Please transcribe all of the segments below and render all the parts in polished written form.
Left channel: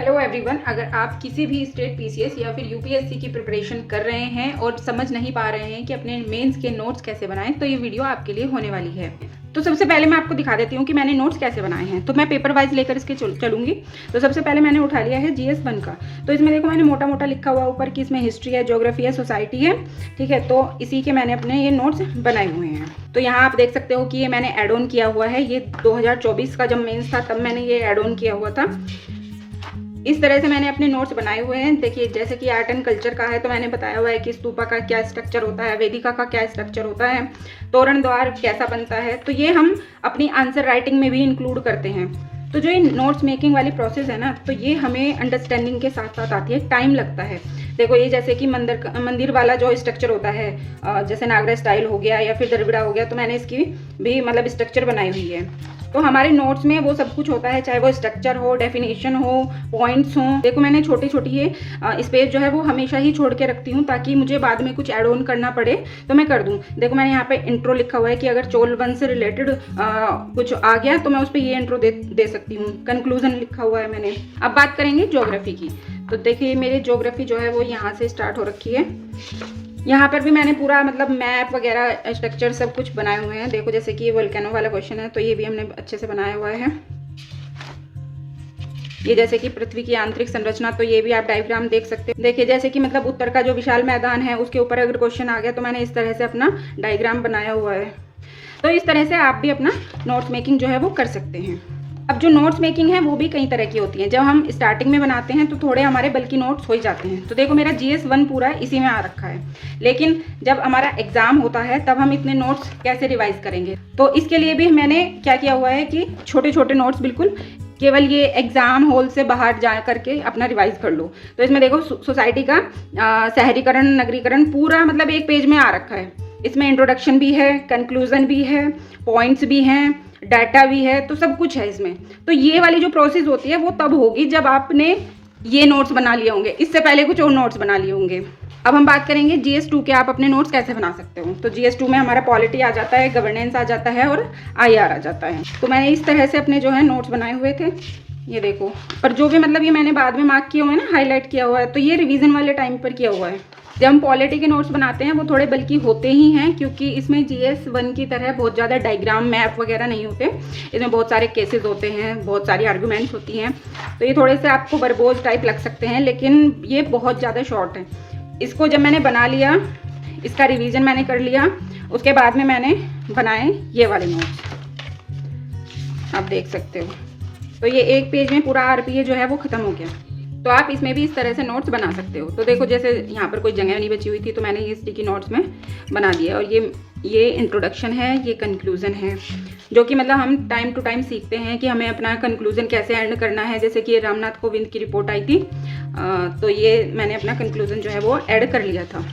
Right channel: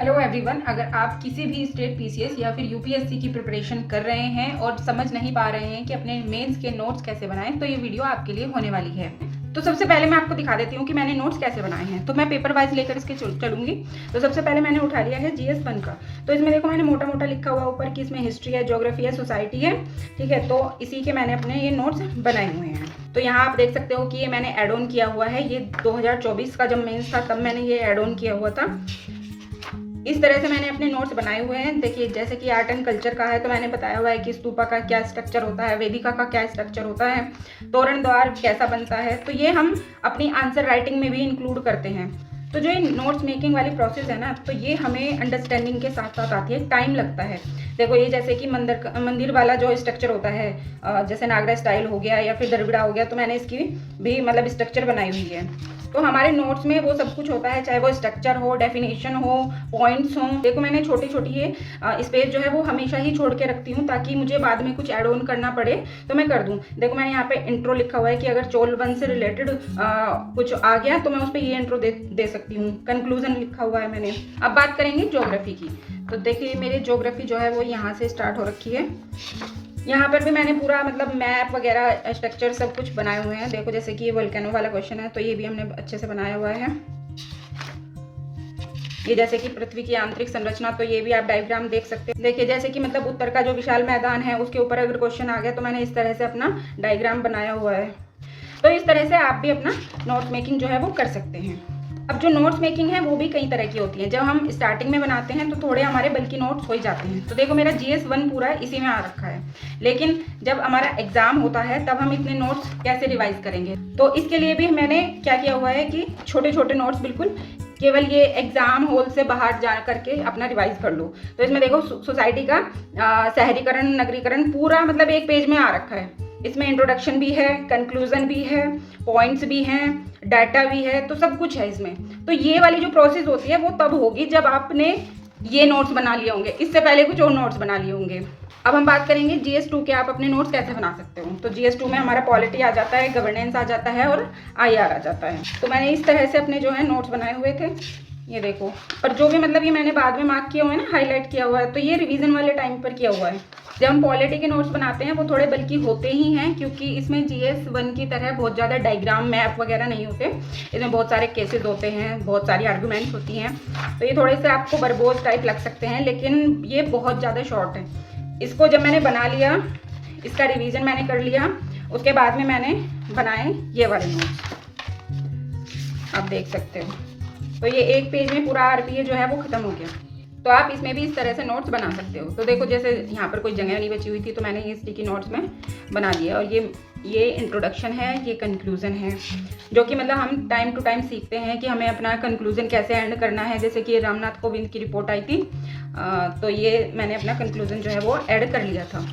Hello everyone, अगर आप किसी भी स्टेट पीसीएस या फिर यूपीएससी की प्रिपरेशन कर रहे हैं और समझ नहीं पा रहे हैं कि अपने मेंस के नोट्स कैसे बनाएं, तो ये वीडियो आपके लिए होने वाली है। तो सबसे पहले मैं आपको दिखा देती हूँ कि मैंने नोट्स कैसे बनाए हैं। तो मैं पेपर वाइज लेकर इसके चलूंगी। तो सबसे पहले मैंने उठा लिया है जीएस 1 का। तो इसमें देखो मैंने मोटा मोटा लिखा हुआ ऊपर कि इसमें हिस्ट्री है, ज्योग्राफी है, सोसाइटी है, ठीक है। तो इसी के मैंने अपने ये नोट्स बनाए हुए हैं। तो यहाँ आप देख सकते हो कि ये मैंने एड ऑन किया हुआ है। ये 2024 का जब मेंस था तब मैंने ये एड ऑन किया हुआ था। इस तरह से मैंने अपने नोट्स बनाए हुए हैं। देखिए, जैसे कि आर्ट एंड कल्चर का है तो मैंने बताया हुआ है कि स्तूपा का क्या स्ट्रक्चर होता है, वेदिका का क्या स्ट्रक्चर होता है, तोरण द्वार कैसा बनता है। तो ये हम अपनी आंसर राइटिंग में भी इंक्लूड करते हैं। तो जो ये नोट्स मेकिंग वाली प्रोसेस है ना, तो ये हमें अंडरस्टैंडिंग के साथ साथ आती है, टाइम लगता है। देखो, ये जैसे कि मंदिर वाला जो स्ट्रक्चर होता है, जैसे नागरा स्टाइल हो गया या फिर द्रविड़ा हो गया, तो मैंने इसकी भी मतलब स्ट्रक्चर बनाई हुई है। तो हमारे नोट्स में वो सब कुछ होता है, चाहे वो स्ट्रक्चर हो, डेफिनेशन हो, पॉइंट्स हो। देखो, मैंने छोटी छोटी ये स्पेस जो है वो हमेशा ही छोड़ के रखती हूँ ताकि मुझे बाद में कुछ ऐड ऑन करना पड़े तो मैं कर दूँ। देखो, मैंने यहाँ पे इंट्रो लिखा हुआ है कि अगर चोल वंश से रिलेटेड कुछ आ गया तो मैं उस पर ये इंट्रो दे सकती हूँ। कंक्लूजन लिखा हुआ है मैंने। अब बात करेंगे ज्योग्राफी की। तो देखिए, मेरी ज्योग्राफी जो है वो यहाँ से स्टार्ट हो रखी है। यहाँ पर भी मैंने पूरा मतलब मैप वगैरह स्ट्रक्चर सब कुछ बनाए हुए हैं। देखो, जैसे कि ये वोल्केनो वाला क्वेश्चन है तो ये भी हमने अच्छे से बनाया हुआ है। ये जैसे कि पृथ्वी की आंतरिक संरचना, तो ये भी आप डायग्राम देख सकते हैं। देखिए, जैसे कि मतलब उत्तर का जो विशाल मैदान है उसके ऊपर अगर क्वेश्चन आ गया तो मैंने इस तरह से अपना डायग्राम बनाया हुआ है। तो इस तरह से आप भी अपना नोट मेकिंग जो है वो कर सकते हैं। अब जो नोट्स मेकिंग है वो भी कई तरह की होती है। जब हम स्टार्टिंग में बनाते हैं तो थोड़े हमारे बल्कि नोट्स हो ही जाते हैं। तो देखो, मेरा जीएस 1 पूरा इसी में आ रखा है। लेकिन जब हमारा एग्जाम होता है तब हम इतने नोट्स कैसे रिवाइज करेंगे? तो इसके लिए भी मैंने क्या किया हुआ है कि छोटे छोटे नोट्स बिल्कुल केवल ये एग्जाम हॉल से बाहर जा करके अपना रिवाइज कर लो। तो इसमें देखो, सोसाइटी का शहरीकरण, नगरीकरण पूरा मतलब एक पेज में आ रखा है। इसमें इंट्रोडक्शन भी है, कंक्लूजन भी है, पॉइंट्स भी हैं, डाटा भी है, तो सब कुछ है इसमें। तो ये वाली जो प्रोसेस होती है वो तब होगी जब आपने ये नोट्स बना लिए होंगे। इससे पहले कुछ और नोट्स बना लिए होंगे। अब हम बात करेंगे जीएस 2 के आप अपने नोट्स कैसे बना सकते हो। तो जीएस 2 में हमारा पॉलिटी आ जाता है, गवर्नेंस आ जाता है और आईआर आ जाता है। तो मैंने इस तरह से अपने जो है नोट्स बनाए हुए थे। ये देखो, पर जो भी मतलब ये मैंने बाद में मार्क किया हुआ है ना, हाईलाइट किया हुआ है, तो ये रिवीजन वाले टाइम पर किया हुआ है। जब हम पॉलिटी के नोट्स बनाते हैं वो थोड़े बल्कि होते ही हैं, क्योंकि इसमें जीएस 1 की तरह बहुत ज़्यादा डायग्राम, मैप वगैरह नहीं होते। इसमें बहुत सारे केसेस होते हैं, बहुत सारी आर्गूमेंट्स होती हैं। तो ये थोड़े से आपको बरबोज टाइप लग सकते हैं, लेकिन ये बहुत ज़्यादा शॉर्ट है। इसको जब मैंने बना लिया, इसका रिवीजन मैंने कर लिया, उसके बाद में मैंने बनाए ये वाले नोट्स, आप देख सकते हो। तो ये एक पेज में पूरा आरपीए जो है वो खत्म हो गया। तो आप इसमें भी इस तरह से नोट्स बना सकते हो। तो देखो, जैसे यहाँ पर कोई जगह नहीं बची हुई थी तो मैंने ये स्टिकी नोट्स में बना दिया। और ये इंट्रोडक्शन है, ये कंक्लूजन है, जो कि मतलब हम टाइम टू टाइम सीखते हैं कि हमें अपना कंक्लूजन कैसे एंड करना है। जैसे कि रामनाथ कोविंद की रिपोर्ट आई थी, तो ये मैंने अपना कंक्लूजन जो है वो ऐड कर लिया था।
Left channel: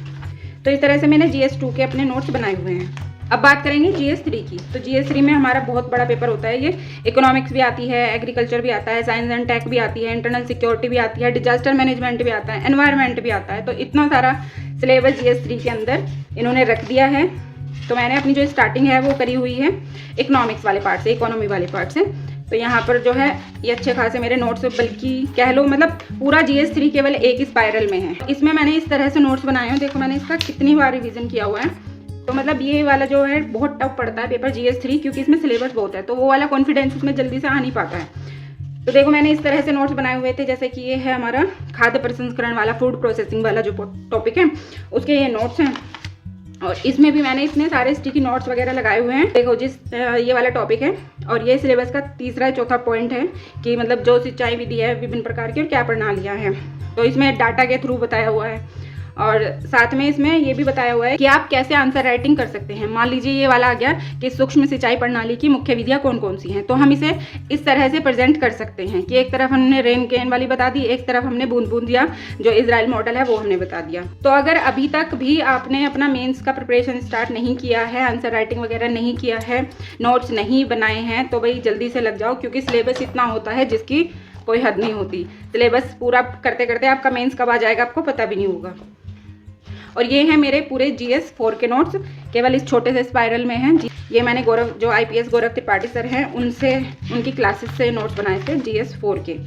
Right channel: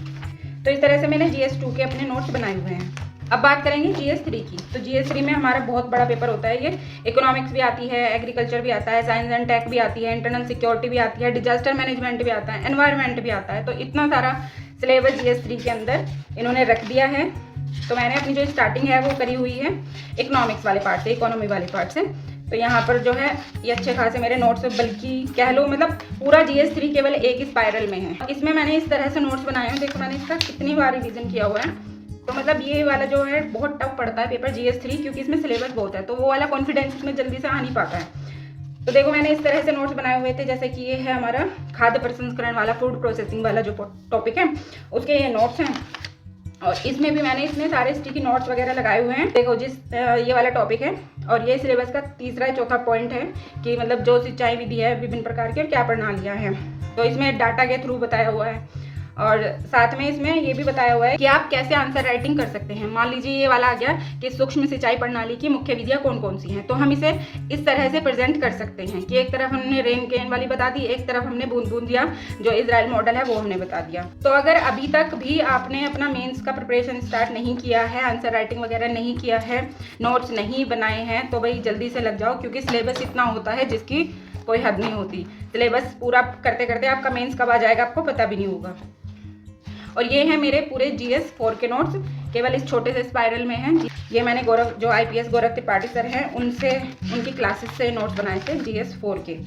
तो इस तरह से मैंने जीएस 2 के अपने नोट्स बनाए हुए हैं। अब बात करेंगे जीएस 3 की। तो जीएस 3 में हमारा बहुत बड़ा पेपर होता है। ये इकोनॉमिक्स भी आती है, एग्रीकल्चर भी आता है, साइंस एंड टेक भी आती है, इंटरनल सिक्योरिटी भी आती है, डिजास्टर मैनेजमेंट भी आता है, एनवायरनमेंट भी आता है। तो इतना सारा सिलेबस जीएस 3 के अंदर इन्होंने रख दिया है। तो मैंने अपनी जो स्टार्टिंग है वो करी हुई है इकोनॉमिक्स वाले पार्ट से, इकोनॉमी वाले पार्ट से। तो यहाँ पर जो है ये अच्छे खासे मेरे नोट्स, बल्कि कह लो मतलब पूरा जीएस 3 केवल एक स्पाइरल में है। इसमें मैंने इस तरह से नोट्स बनाए हैं। देखो, मैंने इसका कितनी बार रिवीजन किया हुआ है। तो मतलब ये वाला जो है बहुत टफ पड़ता है पेपर जीएस 3, क्योंकि इसमें सिलेबस बहुत है, तो वो वाला कॉन्फिडेंस इसमें जल्दी से आ नहीं पाता है। तो देखो, मैंने इस तरह से नोट्स बनाए हुए थे। जैसे कि ये है हमारा खाद्य प्रसंस्करण वाला, फूड प्रोसेसिंग वाला जो टॉपिक है, उसके ये नोट्स हैं। और इसमें भी मैंने इतने सारे स्टिकी नोट्स वगैरह लगाए हुए हैं। देखो, ये वाला टॉपिक है और ये सिलेबस का तीसरा चौथा पॉइंट है कि मतलब जो सिंचाई विधि है विभिन्न प्रकार की और क्या प्रणालियाँ हैं। तो इसमें डाटा के थ्रू बताया हुआ है। और साथ में इसमें ये भी बताया हुआ है कि आप कैसे आंसर राइटिंग कर सकते हैं। मान लीजिए ये वाला आ गया कि सूक्ष्म सिंचाई प्रणाली की मुख्य विधियां कौन कौन सी हैं, तो हम इसे इस तरह से प्रेजेंट कर सकते हैं कि एक तरफ हमने रेन केन वाली बता दी, एक तरफ हमने बूंद बूंद दिया, जो इजराइल मॉडल है वो हमने बता दिया। तो अगर अभी तक भी आपने अपना मेंस का प्रिपरेशन स्टार्ट नहीं किया है, आंसर राइटिंग वगैरह नहीं किया है, नोट्स नहीं बनाए हैं, तो भाई जल्दी से लग जाओ, क्योंकि सिलेबस इतना होता है जिसकी कोई हद नहीं होती। सिलेबस पूरा करते करते आपका मेंस कब आ जाएगा आपको पता भी नहीं होगा। और ये है मेरे पूरे जीएस 4 के नोट्स, केवल इस छोटे से स्पाइरल में हैं। ये मैंने जो आईपीएस गौरव त्रिपाठी सर हैं उनसे, उनकी क्लासेस से नोट्स बनाए थे जीएस 4 के।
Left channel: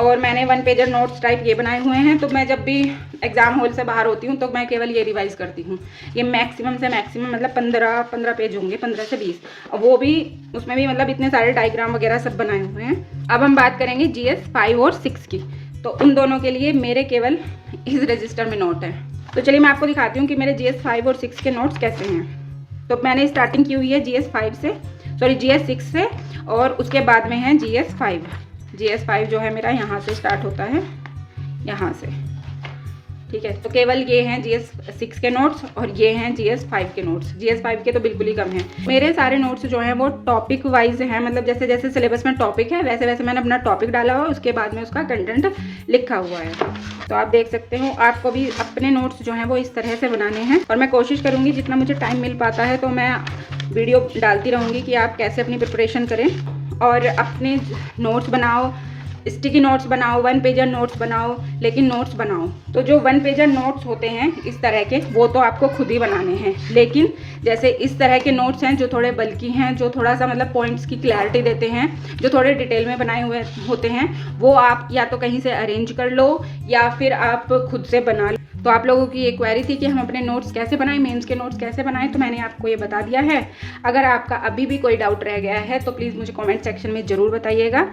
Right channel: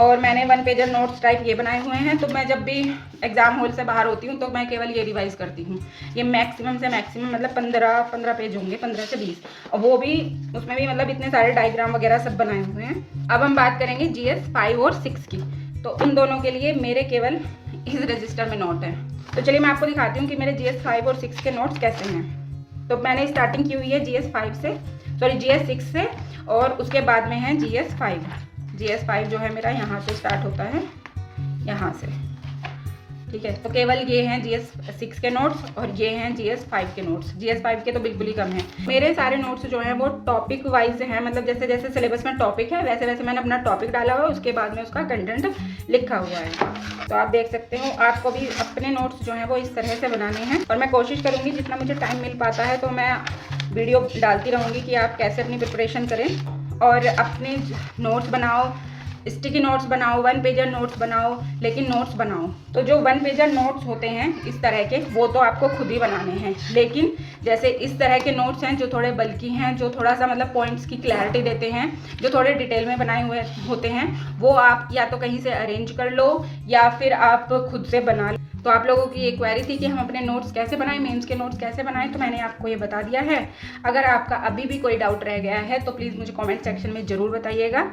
और मैंने 1 पेजर नोट्स टाइप ये बनाए हुए हैं। तो मैं जब भी एग्जाम हॉल से बाहर होती हूँ तो मैं केवल ये रिवाइज करती हूँ। ये मैक्सिमम से मैक्सिमम मतलब 15 पेज होंगे, 15 से 20, और वो भी उसमें भी मतलब इतने सारे डायग्राम वगैरह सब बनाए हुए हैं। अब हम बात करेंगे GS 5 और 6 की। तो उन दोनों के लिए मेरे केवल इस रजिस्टर में नोट है। तो चलिए मैं आपको दिखाती हूँ कि मेरे GS 5 और 6 के नोट्स कैसे हैं। तो मैंने स्टार्टिंग की हुई है GS 6 से, और उसके बाद में है GS 5। GS 5 जो है मेरा यहाँ से स्टार्ट होता है, यहाँ से, ठीक है। तो केवल ये हैं GS 6 के नोट्स और ये हैं GS 5 के नोट्स। GS 5 के तो बिल्कुल ही कम हैं। मेरे सारे नोट्स जो हैं वो टॉपिक वाइज हैं, मतलब जैसे जैसे सिलेबस में टॉपिक है वैसे वैसे मैंने अपना टॉपिक डाला हुआ है, उसके बाद में उसका कंटेंट लिखा हुआ है। तो आप देख सकते हो, आपको भी अपने नोट्स जो हैं वो इस तरह से बनाने हैं, और मैं कोशिश करूँगी जितना मुझे टाइम मिल पाता है तो मैं वीडियो डालती रहूँगी कि आप कैसे अपनी प्रिपरेशन करें और अपने नोट्स बनाओ, स्टिकी नोट्स बनाओ, 1 पेजर नोट्स बनाओ, लेकिन नोट्स बनाओ। तो जो 1 पेजर नोट्स होते हैं इस तरह के, वो तो आपको खुद ही बनाने हैं, लेकिन जैसे इस तरह के नोट्स हैं जो थोड़े बल्कि हैं, जो थोड़ा सा मतलब पॉइंट्स की क्लैरिटी देते हैं, जो थोड़े डिटेल में बनाए हुए होते हैं, वो आप या तो कहीं से अरेंज कर लो या फिर आप खुद से बना लो। तो आप लोगों की एक क्वेरी थी कि हम अपने नोट्स कैसे बनाएं, मेंस के नोट्स कैसे बनाएं, तो मैंने आपको ये बता दिया है। अगर आपका अभी भी कोई डाउट रह गया है तो प्लीज़ मुझे कमेंट सेक्शन में ज़रूर बताइएगा।